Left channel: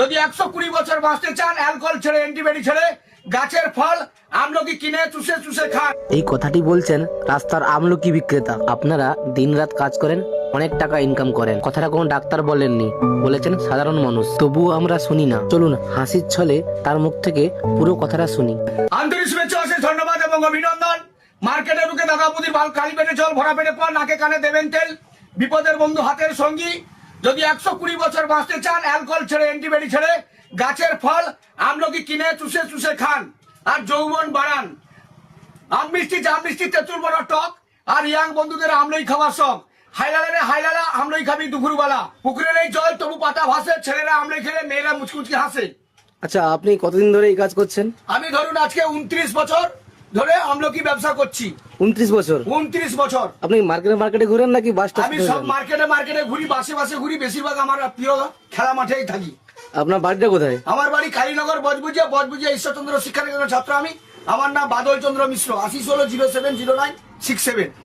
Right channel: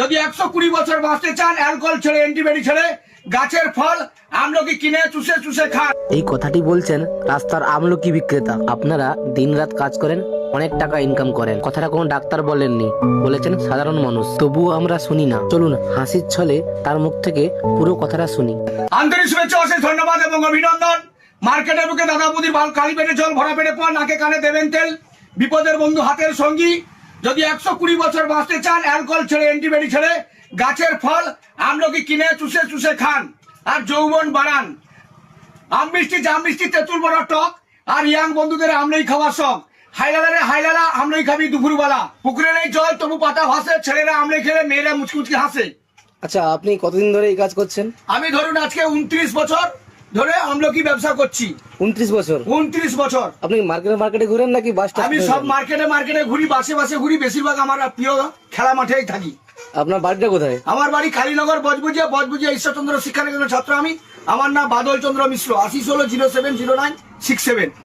যদি 120 বছর বাঁচতে চান অ্যালকোহল ছেড়ে অ্যান্টিবায়োটিক ছেড়ে গাছের ফল আমলকি কিনে চুষে চুষে খান। এই কথাটি বলছেন রাস্তার আমলকি বিক্রেতা। আপনারা দিনরাত কাজ করেন, অনেক টাকা ইনকাম করেন, কথাটা কোনো ডাক্তার বলেননি, বলেছেন সাধারণ মানুষ। তবুও আমরা শুনি না। চলুন হাসির ছলে তার মুখ থেকে পুরো কথাটা শুনি। আন্তরিক শুভেচ্ছা, অশেষ ধন্যবাদ এবং অভিনন্দন। মার্কেটে ঢুকে দাদা বুদির খালি পেটে জল ভরা পেটে পান, নাকে কানে দেবেন তেল, বিপদের বন্ধু হাতের সঙ্গী। যদি 120 বছর বাঁচতে চান অ্যালকোহল ছেড়ে অ্যান্টিবায়োটিক ছেড়ে গাছের ফল আমলকি কিনে চুষে চুষে খান আর যৌবন বাড়ান। আম মিষ্টি, জাম মিষ্টি, তেঁতুল বড় টক আর ইয়াং বন্ধুদের আমলই খাওয়ার শখ। হাইলালা আমলই খাবি দুপুরবেলা। পুকুরে নেই জল তবু পাতা ভাসে, ছেলেরা আমলই খেলে মেয়েরা মুচকুচকি হাসে। আচ্ছা, আপনি কতদিন ধরে এই কাজ করছেন? আমি ধরুন আজকে 29 বছর ধরে আমলকি ব্যবসা করছি। 29 বছর? 29 বছর। আপনি মার্কেটে ঘুরেন নাকি বাস? আমি সব মার্কেটে ঘুরি, বাসে ঘুরি, বেশিরভাগ আমার প্রিয় খেলা মাঠেই থাকি। আপনার বাড়িটা কোথায়? আমার বাড়ি কালীনগর, বজবুজিয়া ঈশ্বরচন্দ্র শিক্ষা নিকেতনের ছাত্র আমি। আমার নাম বাদল চন্দ্র মিশ্র। 80 16 070967।